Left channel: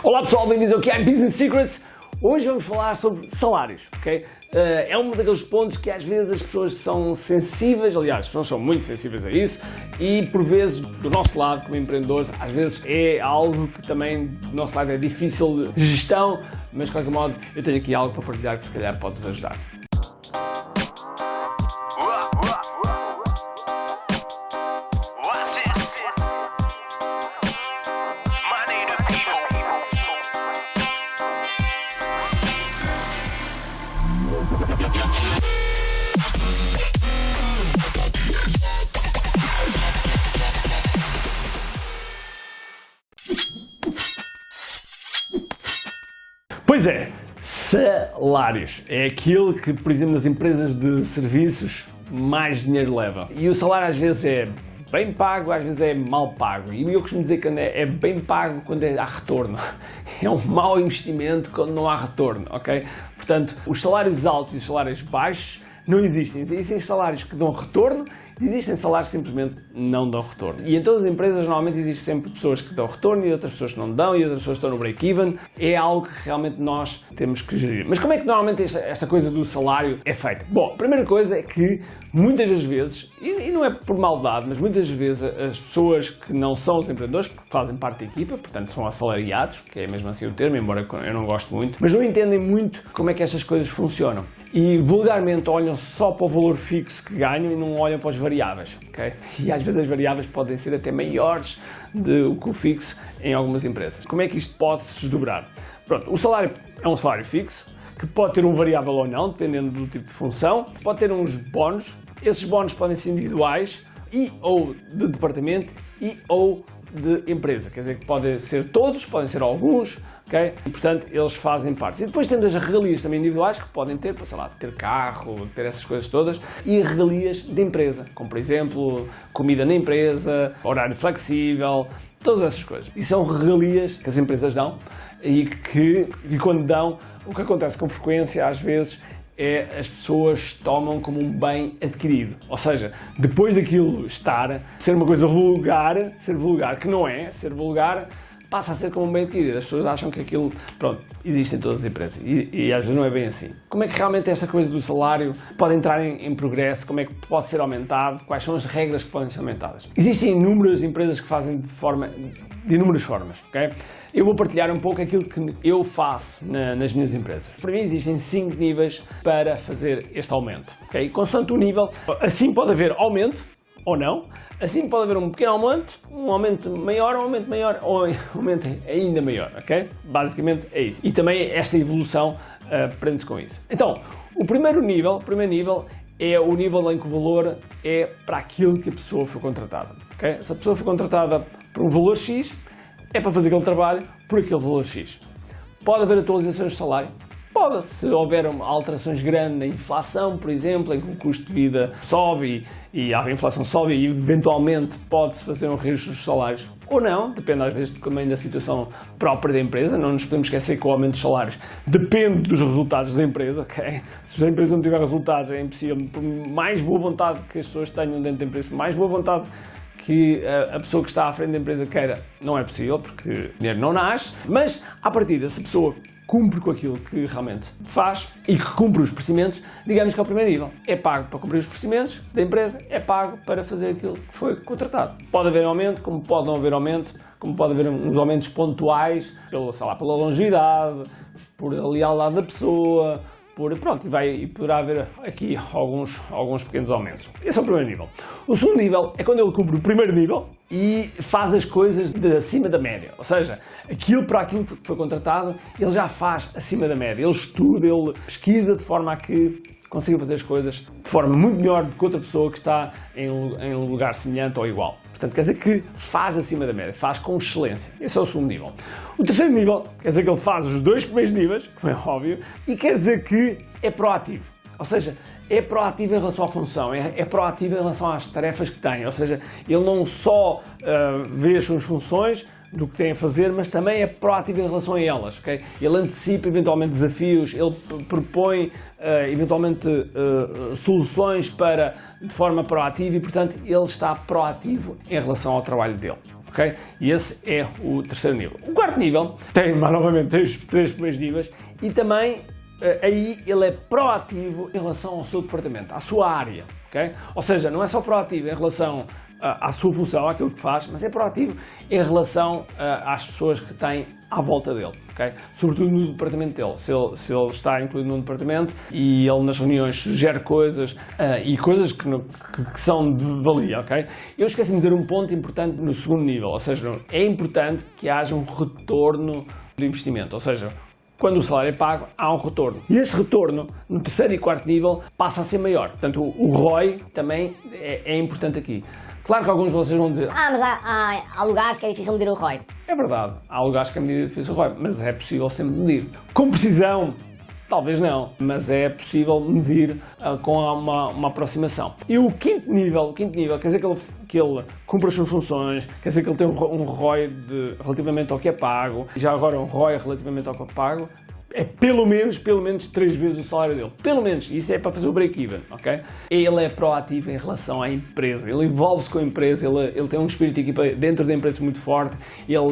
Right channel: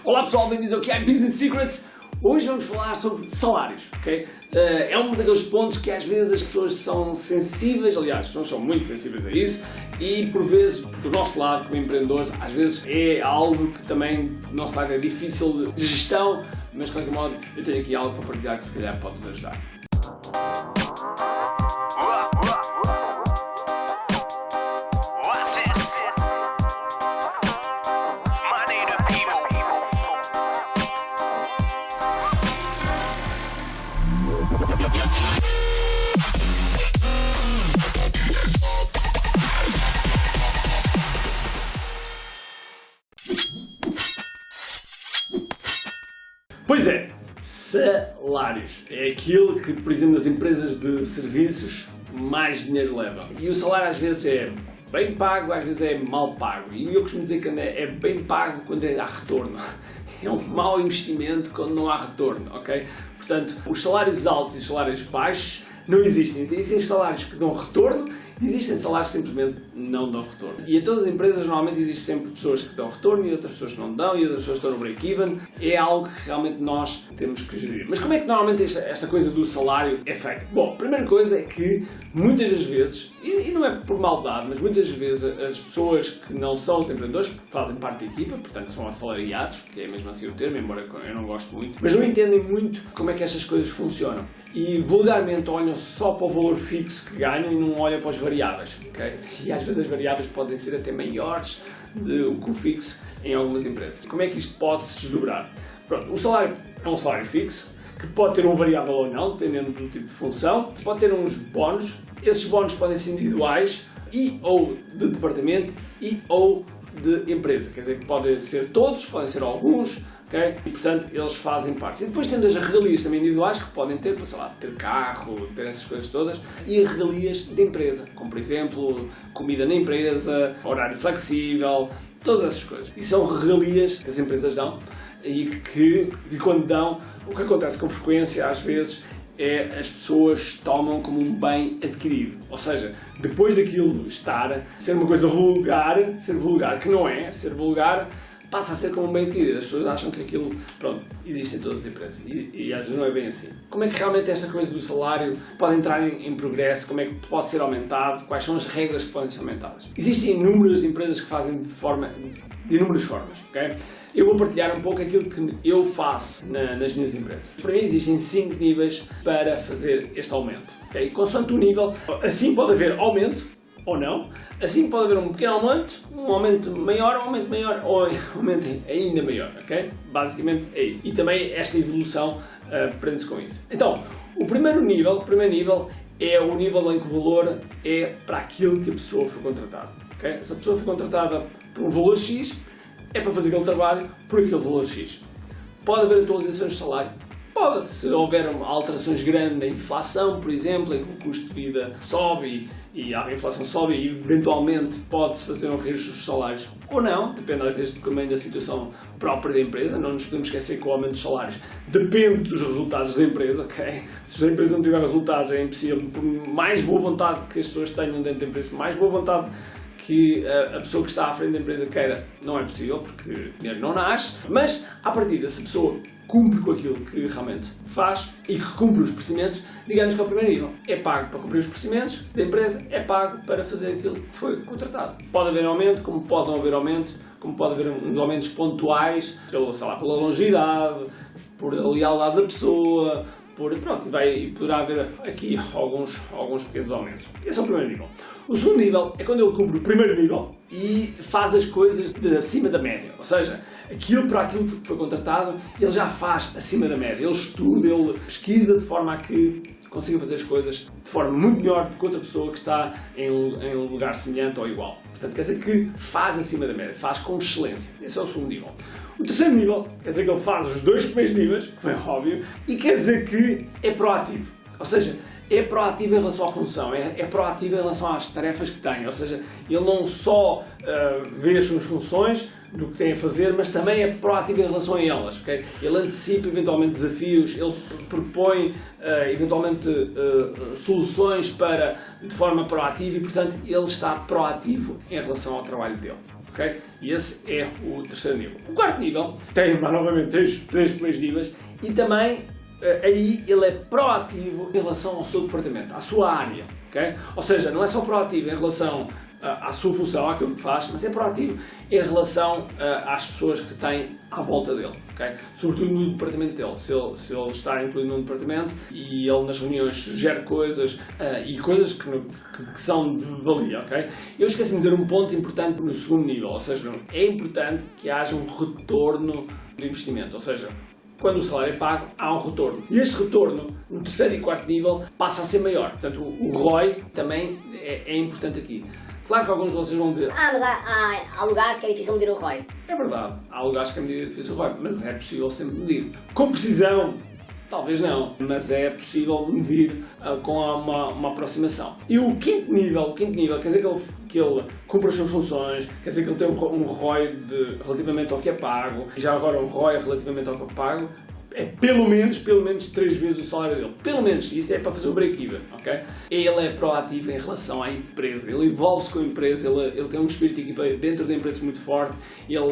Olá pessoal, bem-vindos ao que é Business Secrets. Hoje vamos falar sobre salários, ok? É um daqueles pontos que às vezes as pessoas são sensíveis, aliás, as pessoas são muito sensíveis a isso e por vezes, do nosso lado como empreendedores, às vezes é algo que também do nosso lado é difícil de gestão, mas de qualquer modo eu tenho aqui algo para partilhar que se calhar pode-vos ajudar. Pois é, salários é aquilo que, por exemplo, nas empresas de serviços mais dinheiro leva. E o salário às vezes é bem pago, às vezes é mal pago. E eu costumo dizer que é bem pago quando há retorno. É um mau investimento quando não há retorno, ok? Portanto, os salários altos e os salários baixos não existem. Existem salários que dão retorno, existem salários que simplesmente não dão retorno. E em todas as empresas normalmente existem sempre pessoas que dão retorno e outras pessoas que não dão e outras pessoas que estão no break-even. É algo que realmente nós temos que gerir. Mas como é que normalmente esta coisa do salário é feita? Bom, a primeira coisa é que muitas das vezes, e não é por maldade, mas muitas vezes as pessoas que não são os empreendedores, que fazem parte da equipa, portanto são assalariados, que é mesmo assim o termo, embora eu não goste muito, mas não entendem muito como é que estas coisas funcionam. E vulgarmente olham só para o valor fixo que ganham e não olham para as variáveis, ok? E às vezes as variáveis podem ser até maiores do que o fixo em algumas empresas. Como é que isto pode se desdobrar? Pronto, o salário é um salário fixo, que pode ter um variável ou não, dependendo do tipo de função. Pode ter uns bónus, esses bónus podem ser individuais e ou de departamento e ou de empresa, quer dizer que podem ser todos, podem ser alguns, ok? E portanto eles fazem parte. E depois temos as regalias também individuais que podem ter, sei lá, ter carro, ter essas coisas todas, e regalias de empresa, como por exemplo comida na empresa, horário flexível, todas essas coisas. E são regalias que as empresas dão e quando dão, o que acontece com frequência às vezes é as pessoas tomam como um bem adquirido, ou seja, depois daquilo ser uma coisa vulgar, que não é, ser vulgar passa a ser como um bem adquirido. As pessoas acham que aquilo, pronto, existe em todas as empresas e às vezes não é bem assim. Como é que realmente esta coisa do salário pode entrar em progresso, como é que pode ser aumentado, quais são as regras que podem ser aumentadas? Existem inúmeras empresas que fazem de inúmeras formas, ok? Eu vou partilhar um pouco aquilo que eu faço nas minhas empresas. Para mim existem 5 níveis para fazer este aumento, ok? Consoante o nível, assim pode haver aumento ou não, assim pode haver um pequeno aumento, um aumento maior ou um aumento ainda maior, ok? Basicamente é isso. E também esta evolução prende-se com isso. Então, o primeiro nível é o nível em que o valor é para aquilo que a pessoa foi contratada, ok? Se a pessoa foi contratada por um valor X, é para fazer aquele trabalho por aquele valor X. Pode haver atualizações de salário? Pode, se houver alterações grandes na inflação, por exemplo, em que o custo de vida sobe e a inflação sobe e eventualmente pode-se fazer um reajuste dos salários ou não, depende às vezes também da situação própria da empresa. Não nos podemos esquecer que o aumento dos salários depende dos resultados da empresa, ok? Se a empresa não tiver resultados é impossível, por mais boa vontade que as pessoas tenham dentro da empresa, mais boa vontade que a pessoa que está à frente da empresa queira, não é possível, porque o dinheiro não nasce, mas à partida, se a pessoa cumpre com aquilo que realmente faz e que cumpre os procedimentos, digamos que é o primeiro nível. É pago para cumprir os procedimentos da empresa, é pago para fazer aquilo que foi contratado. Pode haver aumento, como pode não haver aumento, como pode haver uns aumentos pontuais, pela longevidade, por a lealdade da pessoa, e poderá haver aqui alguns pequenos aumentos. Esse é o primeiro nível. O segundo nível é quando ele cumpre o primeiro nível e faz as coisas de acima da média, ou seja, para aquilo que foi contratado, ele já faz acima da média, ele estuda, ele pesquisa de forma a que consiga fazer as coisas de forma muito melhor do que outra pessoa que está em um lugar semelhante ou igual. Portanto, quer dizer que faz acima da média, faz com excelência. Esse é o segundo nível. O terceiro nível quer dizer que ele faz os 2 primeiros níveis, como é óbvio, e quer dizer que é proativo. Ou seja, é proativo em relação à função, é proativo em relação às tarefas que tem. Ou seja, ele não só vê as suas funções, do que tem a fazer, mas também é proativo em relação a elas, ok? Ele antecipa eventualmente desafios, ele propõe eventualmente soluções de forma proativa e, portanto, ele está proativo em relação ao trabalho dele. ok? E esse é o terceiro nível. O quarto nível tem, mais novamente, três primeiros níveis e também aí ele é proativo em relação ao seu departamento, à sua área, ok? Ou seja, não é só proativo em relação à sua função, àquilo que faz, mas é proativo em relação às pessoas que têm à volta dele, ok? Sobretudo no departamento dele. Se ele está incluído num departamento e ele nas reuniões sugere coisas e coisas que são de valia, ok? Eu esqueci-me de dizer um ponto importante no segundo nível, ou seja, é importante que haja um retorno do investimento, ou seja, quando o salário é pago, há um retorno. E este retorno, no terceiro e quarto nível, passa a ser maior. Portanto, o ROI também é importante aqui. Claro que alguns de vocês vão dizer... mas há lugares que é difícil medir o ROI. É verdade, há lugares que é difícil o ROI, mas é possível sempre medir. Com precisão, talvez não, mas é possível medir com uma aproximação. E o quinto nível quer dizer que ele cumpre as suas funções, quer dizer que ele tem um ROI relativamente ao que é pago, e já agora o ROI relativamente ao que é pago, é pelo menos 3 vezes o salário dele. Pelo menos. Isso é para fazer o break-even, ok? Ele é proativo em relação à empresa. Ele envolve-se com a empresa, ele tem um espírito de equipa dentro da empresa muito forte. Ele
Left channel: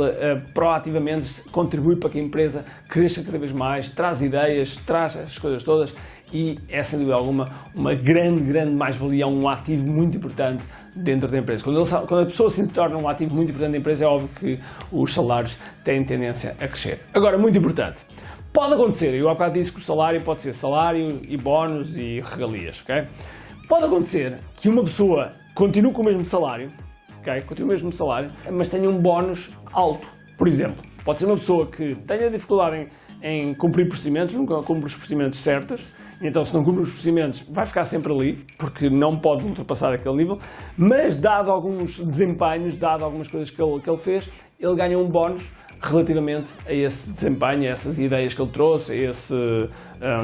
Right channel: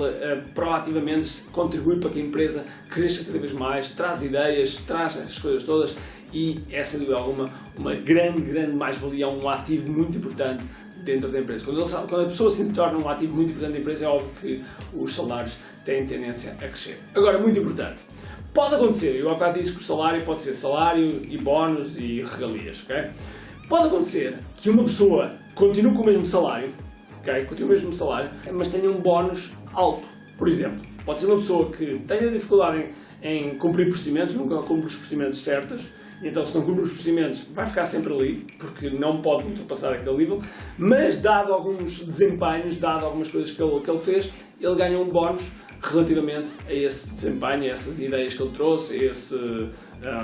proativamente contribui para que a empresa cresça cada vez mais, traz ideias, traz as coisas todas e é, sem dúvida alguma, uma grande mais-valia, um ativo muito importante dentro da empresa. Quando a pessoa se torna um ativo muito importante da empresa, é óbvio que os salários têm tendência a crescer. Agora, muito importante. Pode acontecer, eu há bocado disse que o salário pode ser salário e bónus e regalias, ok? Pode acontecer que uma pessoa continue com o mesmo salário, ok? Continue com o mesmo salário, mas tenha um bónus alto. Por exemplo, pode ser uma pessoa que tenha dificuldade em cumprir procedimentos, nunca cumpre os procedimentos certos, então se não cumpre os procedimentos vai ficar sempre ali, porque não pode ultrapassar aquele nível, mas dado alguns desempenhos, dado algumas coisas que ele fez, ele ganha um bónus relativamente a esse desempenho, a essas ideias que ele trouxe, a esse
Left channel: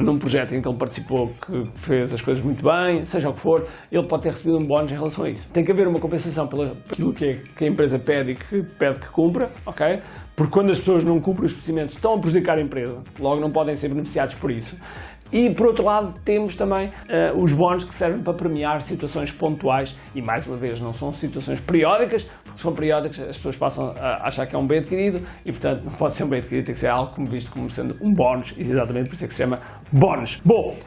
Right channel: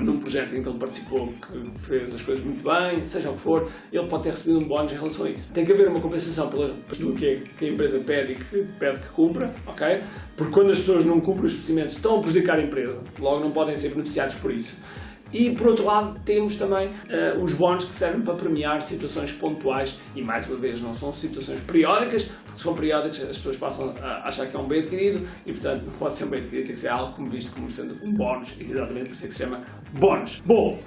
num projeto em que ele participou, que fez as coisas muito bem, seja o que for, ele pode ter recebido um bónus em relação a isso. Tem que haver uma compensação pelo aquilo que a empresa pede e que pede que cumpra, ok? Porque quando as pessoas não cumprem os procedimentos, estão a prejudicar a empresa, logo não podem ser beneficiados por isso. E, por outro lado, temos também os bónus que servem para premiar situações pontuais e, mais uma vez, não são situações periódicas, porque se são periódicas as pessoas passam a achar que é um bem adquirido e, portanto, não pode ser um bem adquirido, tem que ser algo visto como sendo um bónus, exatamente por isso é que se chama bónus. Bom,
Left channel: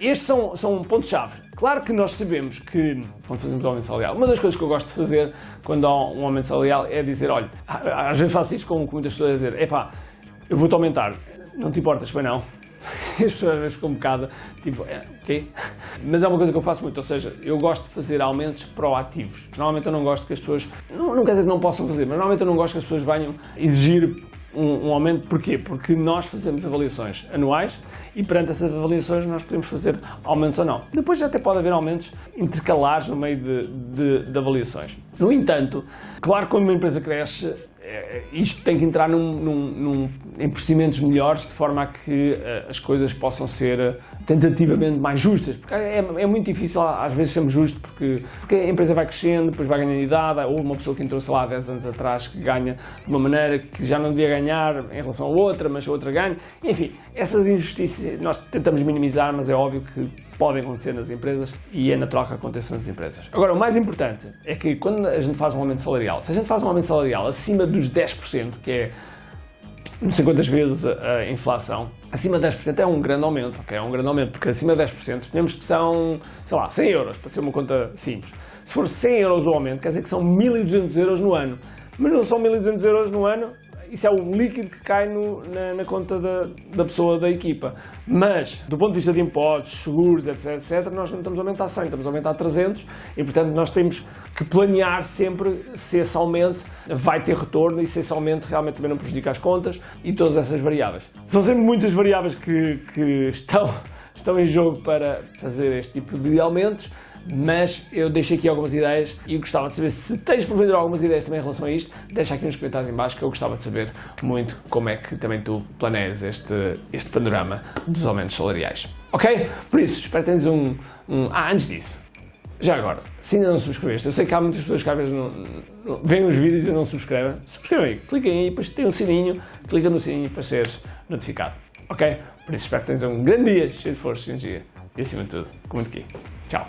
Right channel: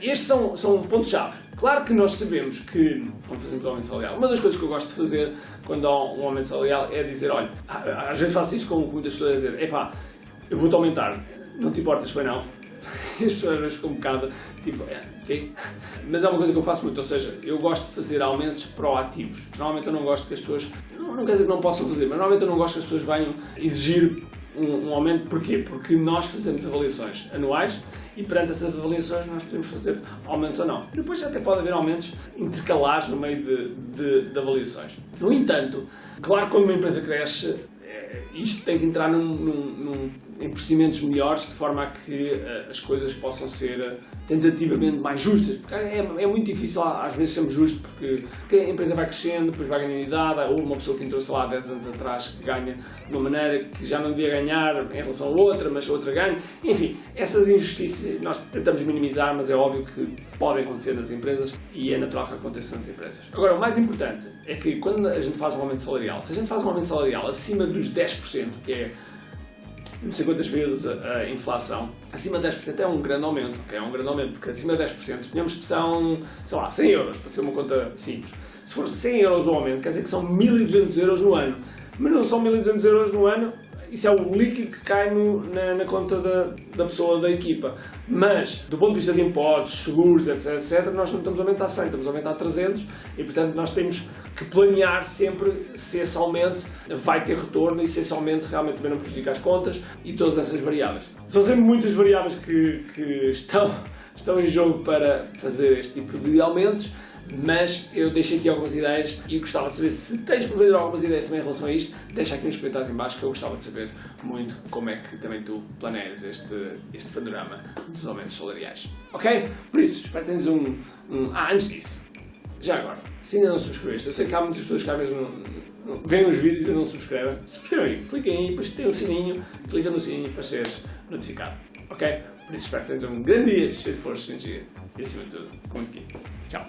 estes são pontos-chave. Claro que nós sabemos que, quando fazemos um aumento salarial, uma das coisas que eu gosto de fazer quando há um aumento salarial é dizer, olha, às vezes faço isto com muitas pessoas a dizer, epá, eu vou-te aumentar, não te importas, foi não? E as pessoas às vezes ficam um bocado tipo, ok? Mas é uma coisa que eu faço muito, ou seja, eu gosto de fazer aumentos proativos. Normalmente eu não gosto que as pessoas, não quer dizer que não possam fazer, mas normalmente eu não gosto que as pessoas venham exigir um aumento. Porquê? Porque nós fazemos avaliações anuais e perante essas avaliações nós podemos fazer aumentos ou não. Depois até pode haver aumentos intercalares no meio de avaliações. No entanto, claro que quando uma empresa cresce, isto tem que entrar em procedimentos melhores, de forma a que as coisas possam ser tentativamente mais justas, porque é muito difícil às vezes sermos justos, porque a empresa vai crescendo, depois vai ganhando idade, ou uma pessoa que entrou, sei lá, 10 anos atrás, que ganha de uma maneira que já não devia ganhar em relação a outra, mas a outra ganha. Enfim, essas injustiças nós tentamos minimizar, mas é óbvio que podem acontecer nas empresas e é natural que aconteça nas empresas. Agora, o mais importante é que quando a gente faz um aumento salarial, se a gente faz um aumento salarial acima dos 10%, que é não sei quantas vezes a inflação, acima de 10% é um grande aumento, ok? É um grande aumento, porque acima de 10%, suponhamos que são, sei lá, 100 euros, para ser uma conta simples. Se for 100 euros o aumento, quer dizer que são 1.200 euros no ano. Mas não são 1.200 euros no ano, isso é o líquido que cai na conta da pessoa da equipa. Mas, do ponto de vista de impostos, seguros, etc., nós não estamos a aumentar 100, estamos a aumentar 300 e, portanto, nós temos que planear sempre se esse aumento vai ter retorno e se esse aumento realmente também não prejudica as contas e todas essas variáveis. São sempre muitas variáveis que estão em jogo para fazer este tipo de aumentos, mas eu deixei aqui algumas ideias e gostava de saber se tens por ver algumas ideias também em relação a isto. Deixa aqui nos comentários em baixo que eu gostava de saber muito como é que também tu planeias este panorama dos aumentos salariais. Ok? Por isso, espero que tenhas antes disso, já agora, se ainda não subscreveste, eu sei que há muitas pessoas que às vezes veem os vídeos e não subscrevem. Subscreve aí, clica aí, depois tem um sininho, clica no sininho para seres notificado. Ok? Por isso, espero que tenhas um grande dia cheio de força e energia. E acima de tudo, comente aqui. Tchau!